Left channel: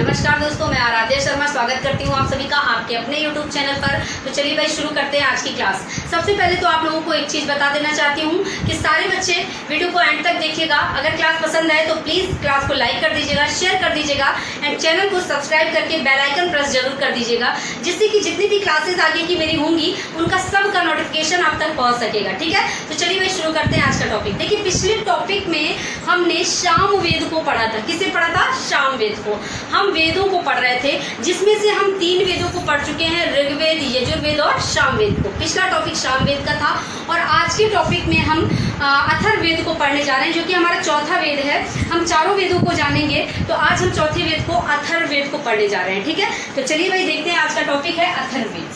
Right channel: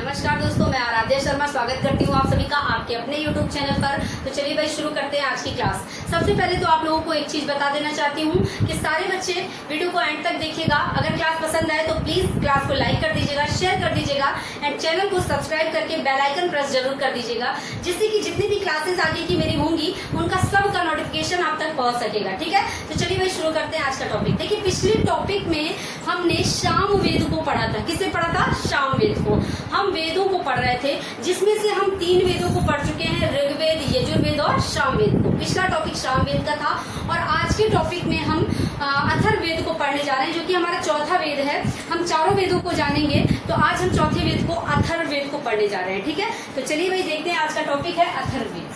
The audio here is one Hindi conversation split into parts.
नमस्कार दोस्तों, मैं आराध्या शर्मा स्वागत करती हूँ आप सभी का आपके अपने YouTube चैनल पर। तो चलिए भाई शुरू करते हैं आज की क्लास। सबसे पहले तो आप लोगों को एक चीज़ बता देना चाहती हूँ कि सारे बच्चे वीडियो को एंड तक देखिएगा। अगर क्लास पसंद आए तो प्लीज़ क्लास को लाइक कर दीजिएगा, शेयर कर दीजिएगा एंड चैनल को सब्सक्राइब करके बेल आइकन प्रेस जरूर कर दीजिएगा, जिससे कि जितनी भी क्लासेज आगे की मेरी होंगी उनका सबका नोटिफिकेशन आप तक पहुँच सकेगा। ठीक है, तो चलिए भाई शुरू करते हैं आज का टॉपिक। देखिए, पिछले टॉपिक में हमने सामवेद को पढ़ा था। किसे पढ़ा था? सामवेद को। हम वेदों को पढ़ रहे थे, जिसमें से हम 3 वेदों को पढ़ चुके हैं, ऋग्वेद, यजुर्वेद और सामवेद को। पिछला टॉपिक सामवेद का था और आज के टॉपिक में हम अथर्ववेद को पढ़ने जा रहे हैं, जो कि हमारा चौथा वेद है। हम चारों वेदों को जानेंगे, तो आज हम चौथे वेद को अथर्ववेद को पढ़ने जा रहे हैं। ठीक है, तो चलिए भाई देखते हैं। आज का टॉपिक है अथर्ववेद।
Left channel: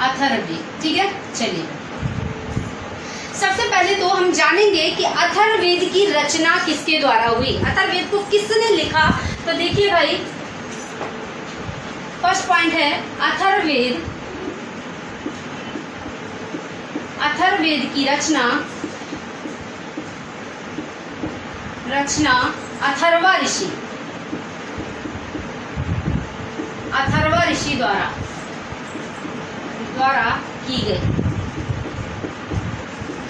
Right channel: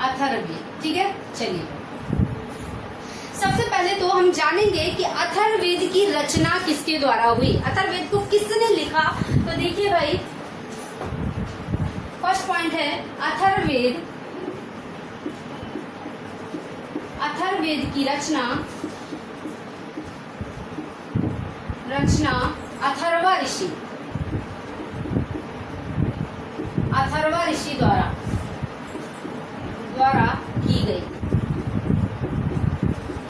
अथर्ववेद, ठीक है। चलिए, सबसे पहले तो हम जानेंगे कि अथर्ववेद की रचना किसके द्वारा हुई। अथर्ववेद को किसने लिखा? तो देखिए भाई, फर्स्ट पॉइंट है अथर्ववेद। अथर्ववेद की रचना अथर्वा ऋषि द्वारा की गई।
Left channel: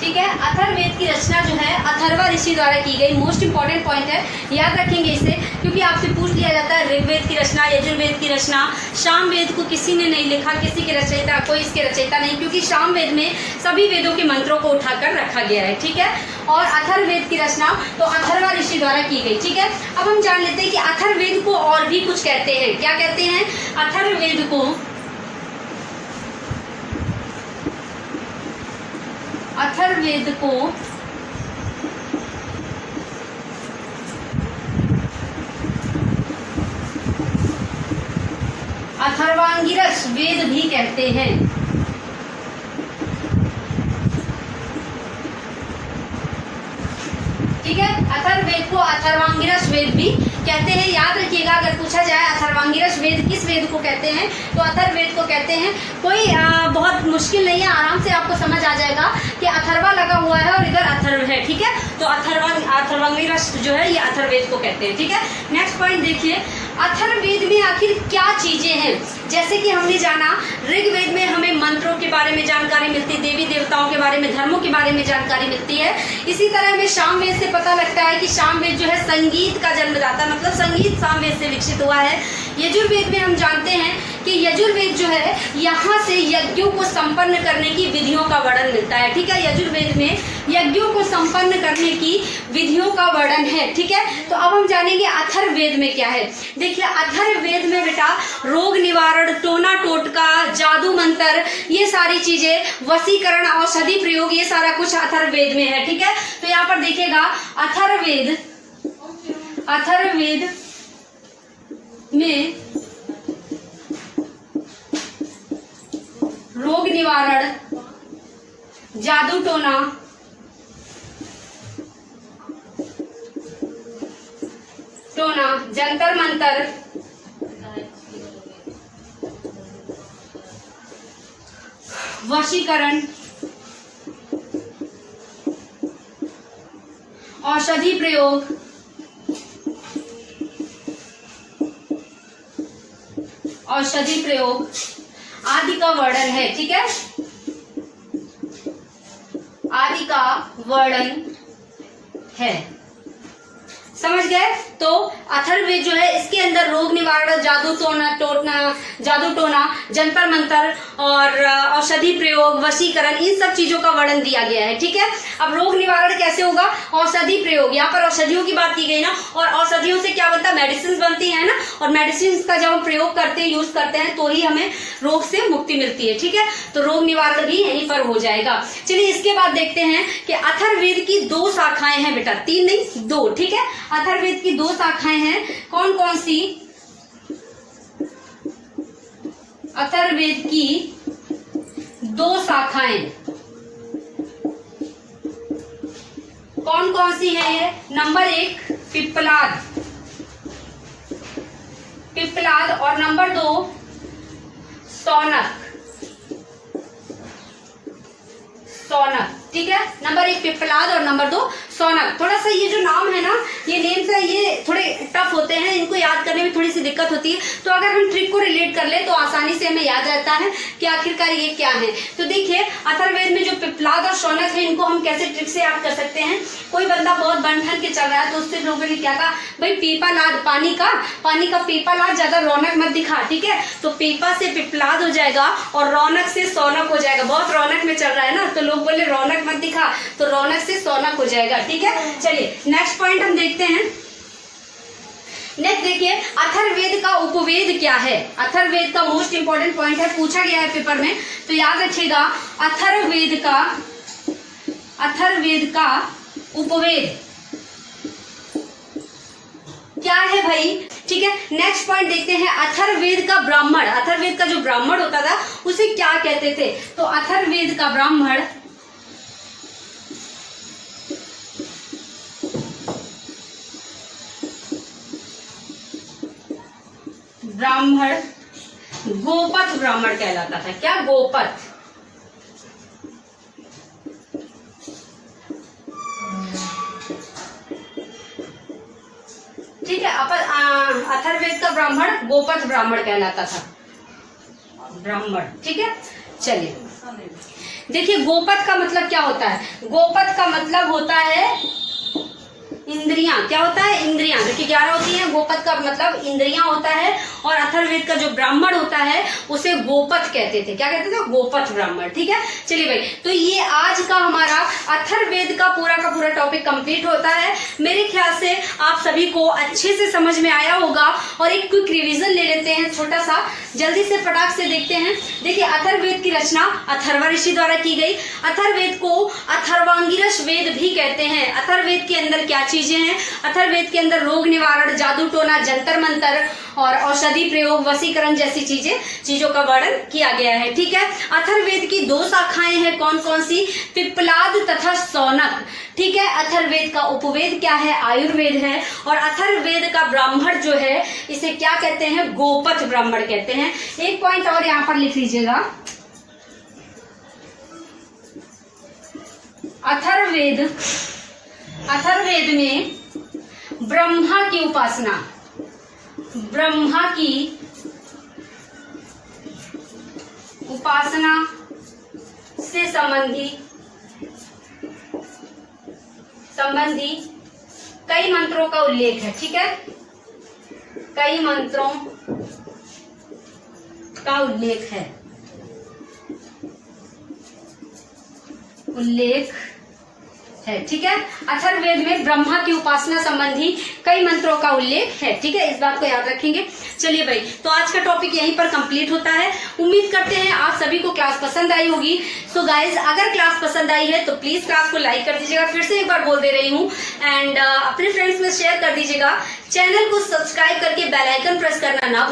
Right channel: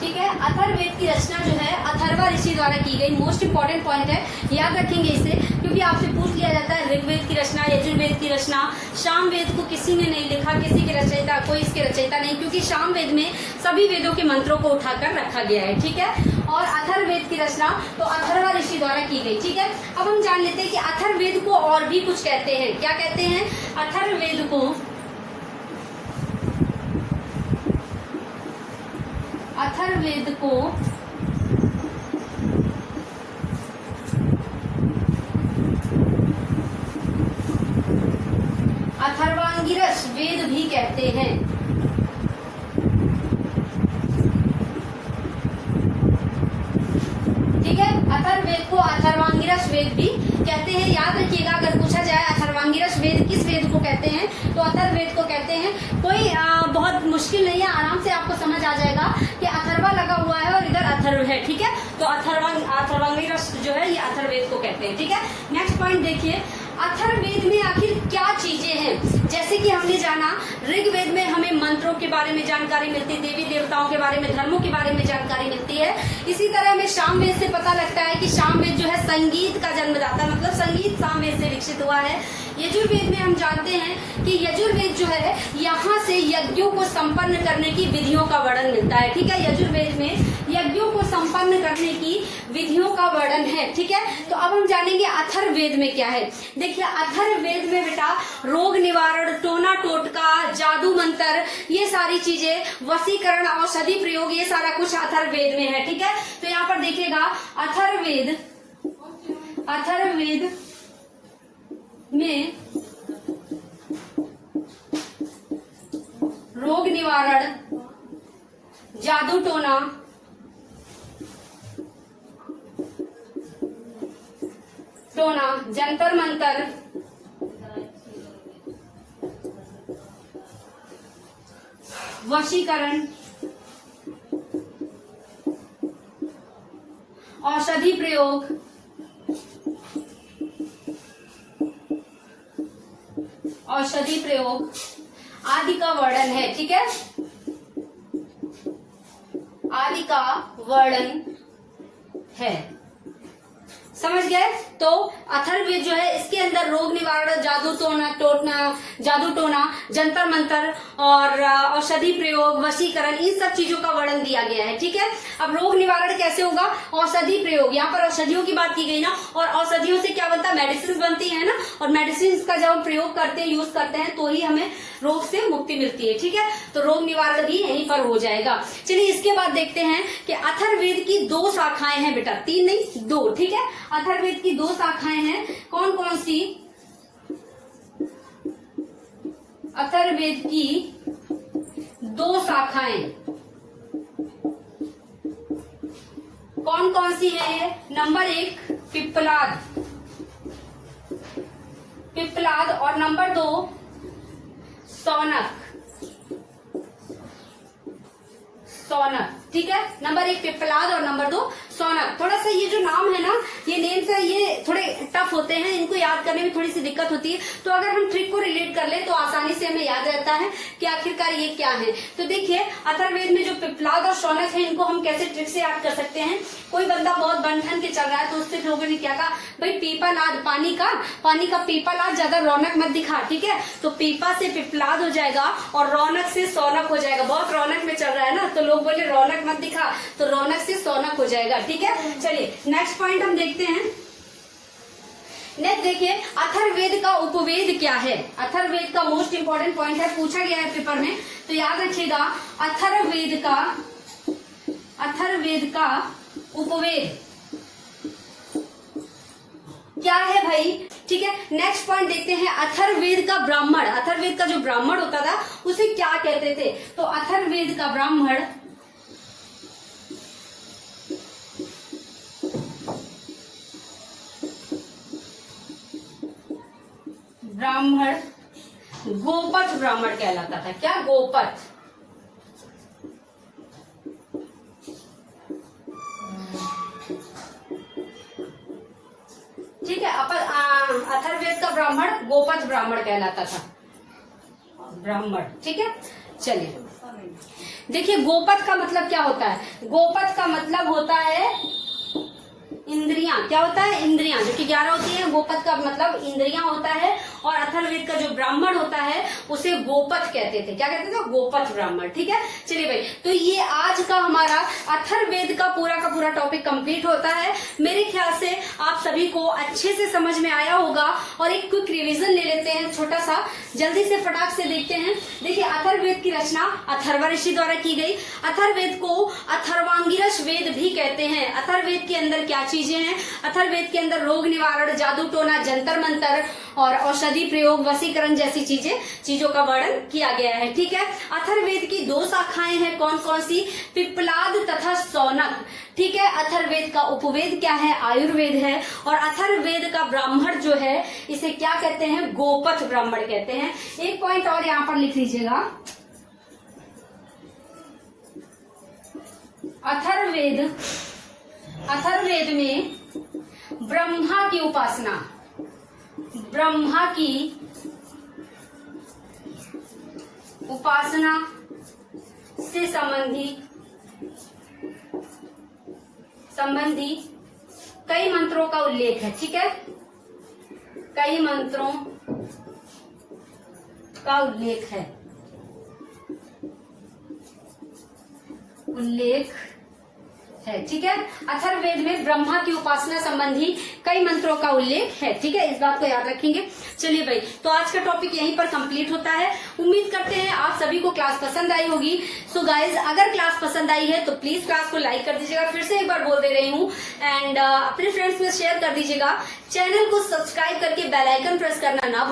ठीक है, अथर्ववेद की रचना जो है अथर्वा ऋषि द्वारा की गई। मोस्ट इंपॉर्टेंट पॉइंट है, याद रखेंगे इसे, क्योंकि आपसे पूछ लिया जाता है ऋग्वेद की रचना, यजुर्वेद की रचना। सामवेद को किसी ने नहीं लिखा, किसी के रचयिता, कोई इसके रचयिता नहीं, क्योंकि सामवेद में सभी वेदों के मंत्रों को उठाकर रखा गया है। ठीक है, और अथर्ववेद की रचना तो अथर्वा ऋषि द्वारा की गई। ठीक है, अब हम जान लेते हैं कि अथर्ववेद को और भी कुछ कहते हैं। क्या कहते हैं? अथर्ववेद को अथर्वांगिरस वेद भी कहते हैं। ठीक है, अथर्ववेद को अथर्वांगिरस वेद भी कहते हैं। याद रखिएगा, अगर पूछा जाए अथर्वांगिरस वेद किस वेद को कहते हैं, तो अथर्ववेद को कहते हैं। कोई बहुत मुश्किल नहीं है, आराम से आपको समझ आ जाएगा कि अथर्वा लगा हुआ है और इधर अथर्व है। ठीक है, तो अथर्वांगिरस जो है ये अथर्ववेद को कहते हैं। ठीक है, नेक्स्ट पॉइंट देखिए, अथर्ववेद में आखिर क्या चीजें हैं। जैसे कि हमने जाना, ऋग्वेद में हमें मंत्रों के बारे में जानकारी मिलती है, देवी देवताओं के बारे में, धर्मों के बारे में जानकारी मिलती है। इसी तरह हमें सामवेद से पता लगता है कि सामवेद जो है संगीत का जन्मदाता, मतलब संगीत सामवेद से विकसित हुआ है। यजुर्वेद में हम जानते हैं कि यजुर्वेद जो है यहाँ से यज्ञों को संपन्न करने की विधियों का वर्णन मिलता है। ठीक है, यजुर्वेद में यज्ञों को संपन्न करने की विधियों का वर्णन है। ठीक है, तो अब हम जानेंगे अथर्ववेद में क्या है। देखिए, अथर्ववेद में बेटा रोग निवारण, टोना टोटका, जादू मंत्र, ये सारी चीजें, वशीकरण, औषधि प्रयोग, ये सारा कुछ अथर्ववेद में है। ठीक है, तो यहाँ पर देखिएगा अथर्ववेद में रोग निवारण, जादू टोना, जंतर मंतर, वशीकरण, औषधि प्रयोग, आदि का वर्णन है। ठीक है, आदि का वर्णन है। समझ गए? तो अथर्ववेद जो है इसके अंदर रोग निवारण, जादू टोना, जंतर मंतर और औषधि प्रयोग, वशीकरण, इन सब चीजों का वर्णन दिया गया है। ठीक है, अब रोग निवारण कैसे होगा? औषधि प्रयोग, यहाँ पर औषधियों की बात की गई ना, और औषधियों से क्या बनता है? मेडिसिन बनती है ना, और मेडिसिन का जब हम प्रयोग करते हैं, यूज करते हैं, तो ही हमें रोग से मुक्ति मिलती है। ठीक है, तो रोग निवारण भी यहीं पर हो जाएगा। चलिए, इसके बाद देखते हैं कि अथर्ववेद की 2 शाखाएं हैं बेटा, 3 नहीं 2। ठीक है, अथर्ववेद की 2 शाखाएं हैं। कौन कौन सी? अथर्ववेद की 2 शाखाएं कौन कौन सी है ये? नंबर 1 पिप्पलाद और नंबर 2 सौनक। ठीक है, नंबर 1 पिप्पलाद और नंबर 2 सौनक। थोड़ा सा ये जो ये नेम्स है ये थोड़े टफ होते हैं, इनको याद करने में थोड़ी सी दिक्कत होती है। तो अगर हम ट्रिक को रिलेट कर ले तो आसानी से हमें याद रहता है कि आखिरकार ये क्या है। तो देखिए अथर्ववेद में जो पिप्पलाद और शौनक है इनको हम कैसे ट्रिक से याद कर सकते हैं। कोई बंदा बहुत बन के चल रहा है तो उससे लोगों ने क्या कहा, भाई पीपालाद, पानी का पीपालाद ज्यादा रौनक मत दिखा, ठीक है। तो पीपा से पिप्पलाद हो जाएगा और रौनक से शौनक हो जाएगा। बहुत रौनक में चल रहा है ना, तो लोग बोले रौनक मत दिखा, तो रौनक से शौनक हो जाएगा, ठीक है। चलिए नेक्स्ट पॉइंट हम देखते हैं। नेक्स्ट देखिए अथर्ववेद का उपवेद क्या है। अथर्ववेद का मोस्ट इंपोर्टेंट पॉइंट है, पूछा गया है पेपर में, तो याद रखिएगा अथर्ववेद का उपवेद क्या है भाई, ठीक है। नेक्स्ट पॉइंट देखते हैं अथर्ववेद का ब्राह्मण। अथर्ववेद का जो ब्राह्मण होता था उसे क्या कहते थे, तो अथर्ववेद का ब्राह्मण गोपथ ब्राह्मण कहलाता था। क्या, गोपथ। ठीक है, अथर्ववेद का ब्राह्मण गोपथ ब्राह्मण कहलाता था, ब्राह्मण, ठीक है। चलिए देखिए गोपथ का मतलब क्या होता है। गोपथ का मतलब होता है इंद्रियां। क्या होता है, इंद्रियां, जो कि 11 होती है। गोपथ का मतलब इंद्रियां होता है। और अथर्ववेद का जो ब्राह्मण होता है उसे गोपथ कहते थे। क्या कहते थे, गोपथ ब्राह्मण, ठीक है। चलिए भाई, तो ये आज का हमारा अथर्ववेद का पूरा टॉपिक कंप्लीट होता है। मेरे ख्याल से आप सभी को अच्छे से समझ में आया होगा। और एक क्विक रिवीजन ले लेते हैं छोटा सा, जल्दी से फटाक से देखते हैं। देखिए अथर्ववेद की रचना अथर्व ऋषि द्वारा की गई। अथर्ववेद को अथर्वांगिरस वेद भी कहते हैं। अथर्ववेद के अंदर क्या चीजें हैं, अथर्ववेद के अंदर रोग निवारण, जादू टोना, जंतर मंतर और औषधि प्रयोग, वशीकरण जैसी चीजों का वर्णन किया गया है, ठीक है। अथर्ववेद की 2 शाखाएं हैं, कौन कौन सी, पिप्पलाद तथा शौनक, ठीक है। अथर्ववेद का उपवेद क्या है, आयुर्वेद है। और अथर्ववेद का ब्राह्मण जो है इसे क्या कहते हैं, गोपथ ब्राह्मण कहते हैं। एक पॉइंट और यहाँ पर लिख लीजिएगा, अथर्ववेद में ब्रह्मा की उपासना से संबंधी कई मंत्रों का उल्लेख है, ठीक है। कई मंत्रों का उल्लेख है, ठीक है। अथर्ववेद में ब्रह्मा की उपासना संबंधी कई मंत्रों का उल्लेख है, ठीक है। इस बात को याद रखेंगे। चलिए भाई, तो आज का टॉपिक यहीं पर कंप्लीट होता है। उम्मीद करते हैं आप सभी को क्लास पसंद आई होगी। सो गाइज, अगर क्लास पसंद आई है तो प्लीज क्लास को लाइक कर दीजिएगा, फिर से एक बार बोल दे रही हूँ। एंड अपने फ्रेंड्स में शेयर कर दीजिएगा। चैनल को सब्सक्राइब करके बेल आइकन प्रेस करना ना